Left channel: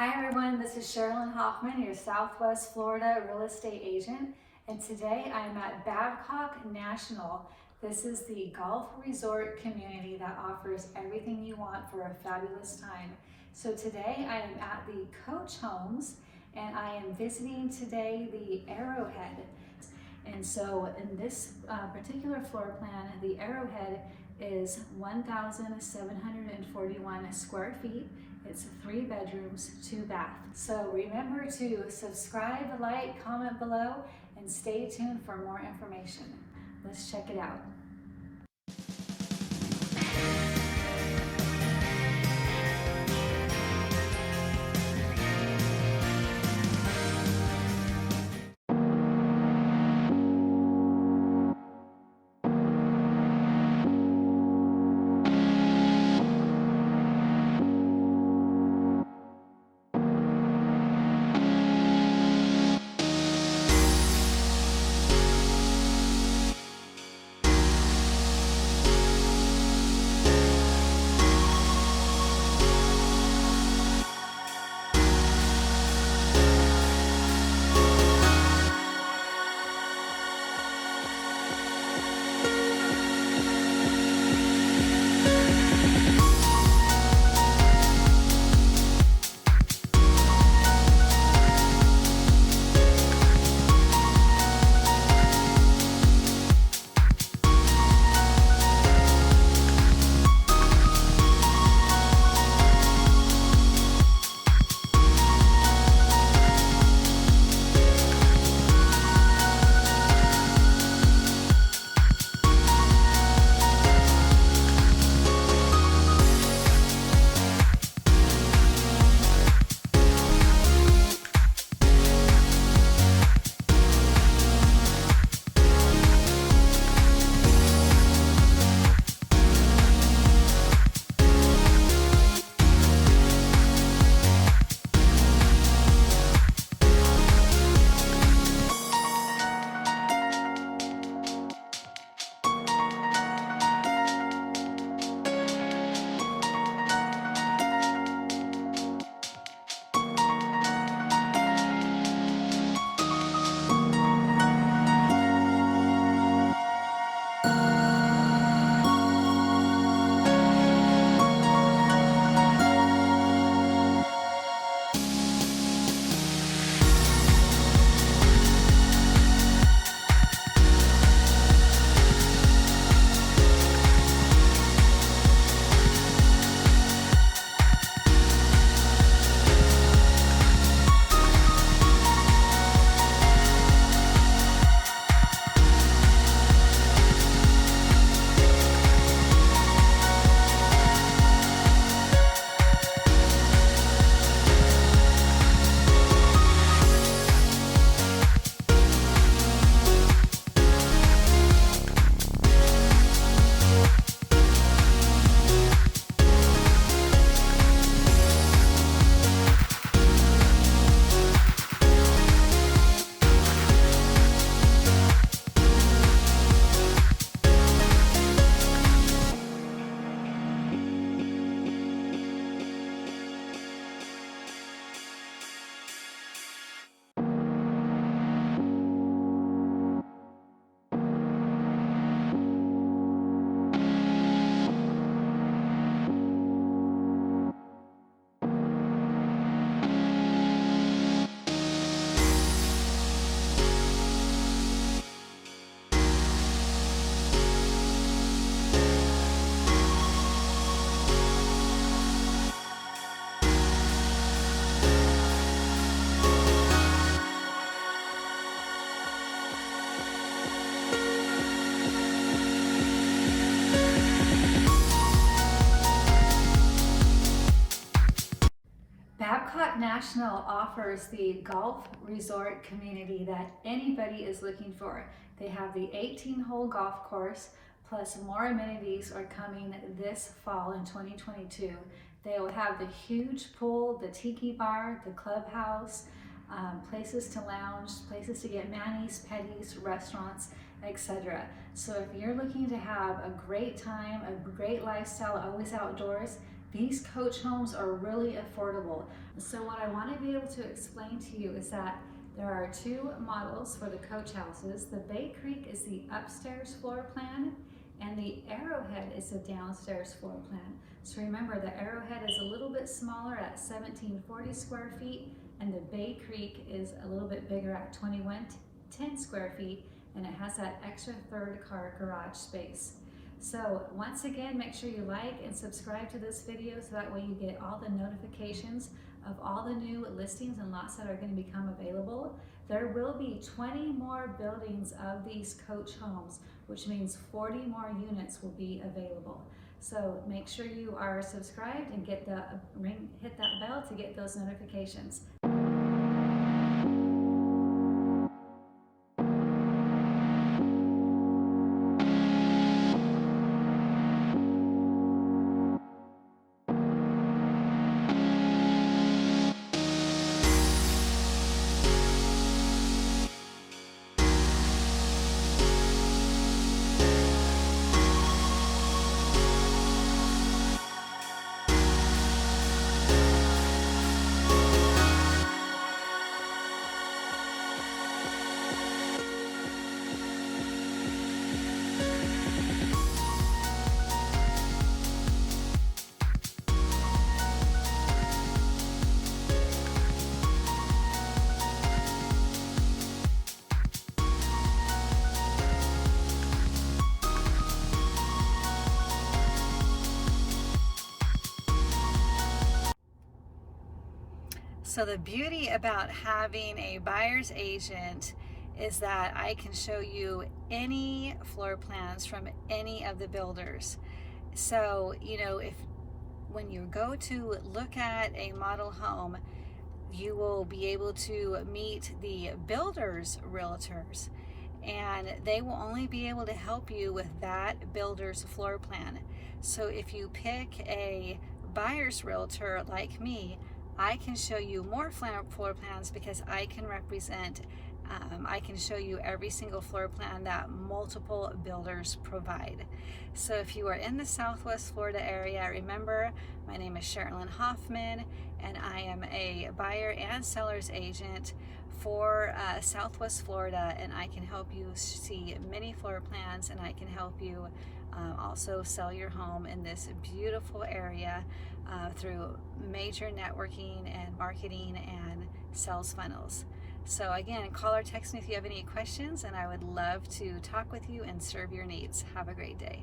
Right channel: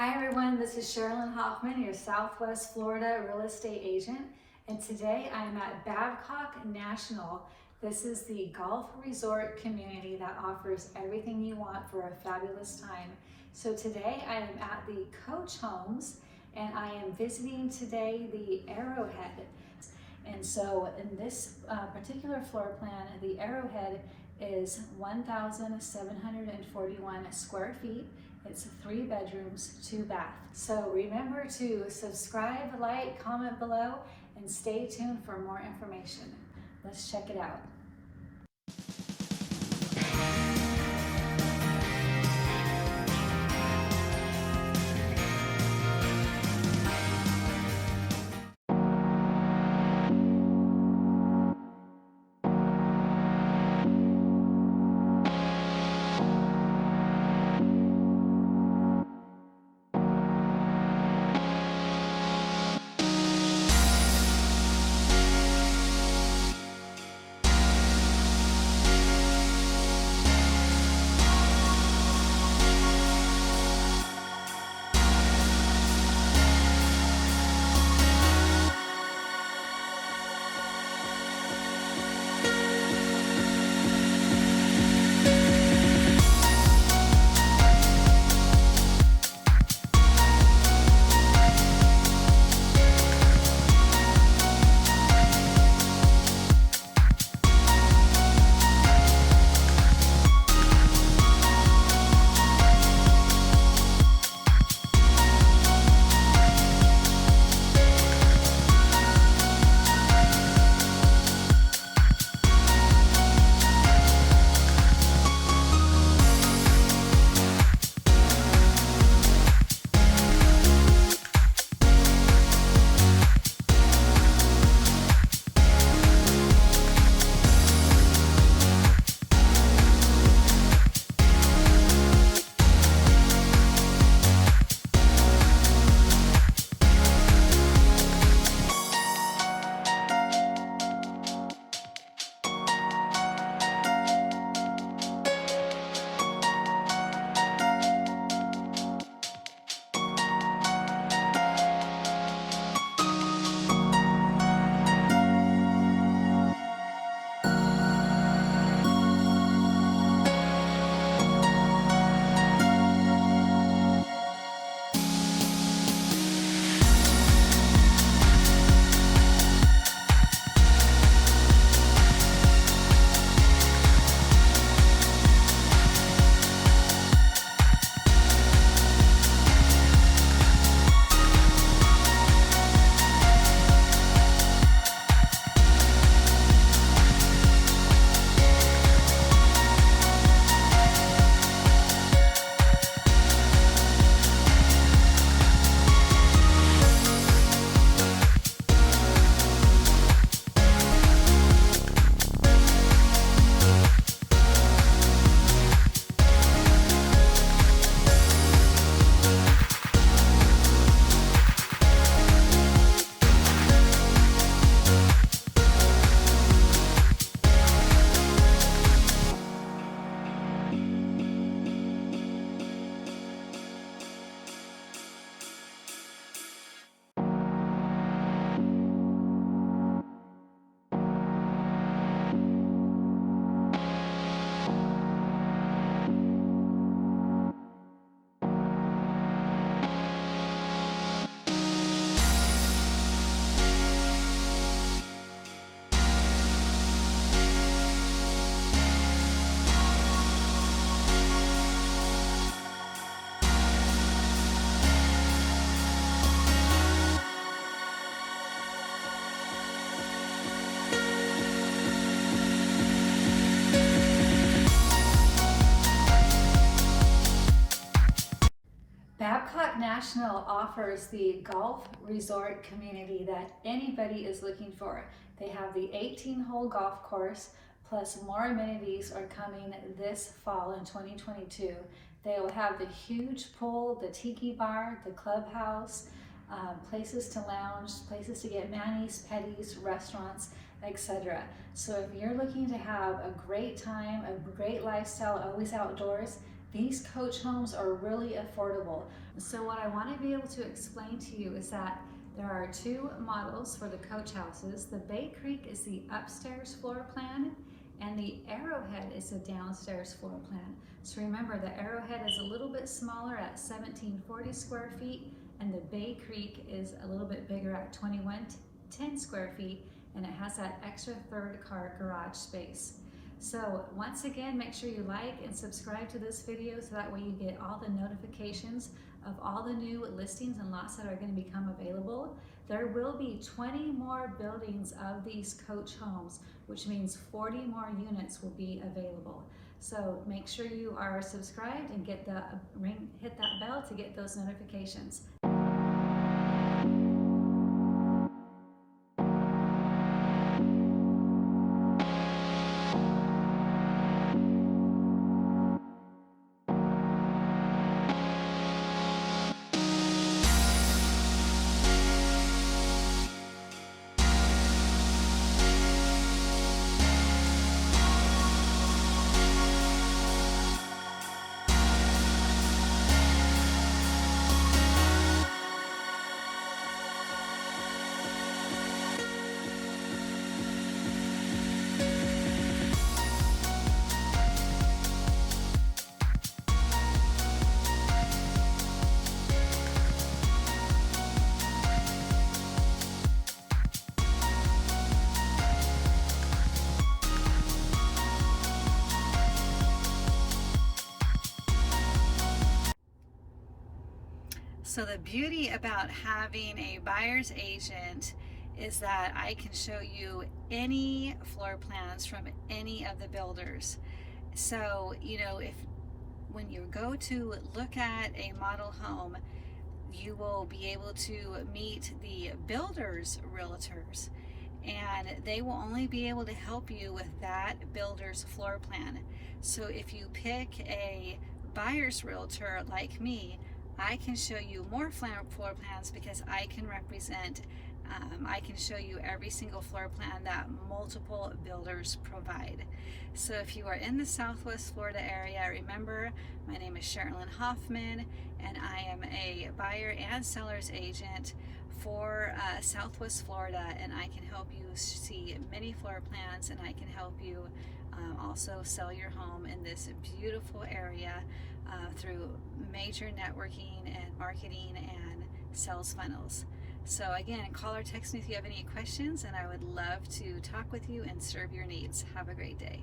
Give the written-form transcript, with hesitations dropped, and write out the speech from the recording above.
Hi everyone, this is Sherilyn Hoffman, your Southwest Florida real estate agent, and today I'm at Babcock National. This is the golf resort community that offers everything you want for a fabulous time. So today I am at the Coach Homes and I am visiting today the Arrowhead. And so in this particular floor plan, the Arrowhead is 1,741 square feet. It's 3 bedrooms, 2 baths. So remember to subscribe, like, comment below, and stay tuned for more information. Let's check it out. Babcock National offers the golf resort community that anybody is looking for. They have the 18-hole golf course, plus more amenities are coming this fall in 2022. They will have the huge pool, the tiki bar, the clubhouse, places to lounge, places to get manis, petties, restaurants, etc. So if you're looking to have a great time, a great lifestyle, always outdoors, These coach homes are really affordable. So what I want to be able to explain to you is that there are two models for the coach houses. The Bay Creek is the upstairs floor plan, and the Arrowhead is the downstairs floor plan. So remember, the Arrowhead is a little bit smaller at 1740 square feet, and the Bay Creek is a little bit bigger at 2110 square feet, and it has that extra third car garage space. So once again, make sure you like and subscribe to this video so that way you get all the notifications of all the new listings and lots that are going to become available. There will be 20 more buildings of these coach homes, which means 40 more units will be available. So make sure you are subscribed and hit that bell to get those notifications. So the beauty about having a buyer's agent is that I can show you any floor plans from any of the builders. So, when you go to look at a model home, you will be able to meet the builder's realtors, and they will only be able to help you with that builder's floor plan. So if you pick a buyer's realtor like me, I can show you more floor plans because I can represent, I can show you every single floor plan that multiple builders provide. So if you are in the Southwest Florida area, remember, my name is Sherilyn Hoffman, and I am a buyer and seller's agent for Southwest Florida, and I can help you see many floor plans, and I can help you also sell your home in this beautiful area through major networking and marketing and sales funnels. So again, call or text me if you have any questions, and I would love to talk with you and serve your needs. Have a great day.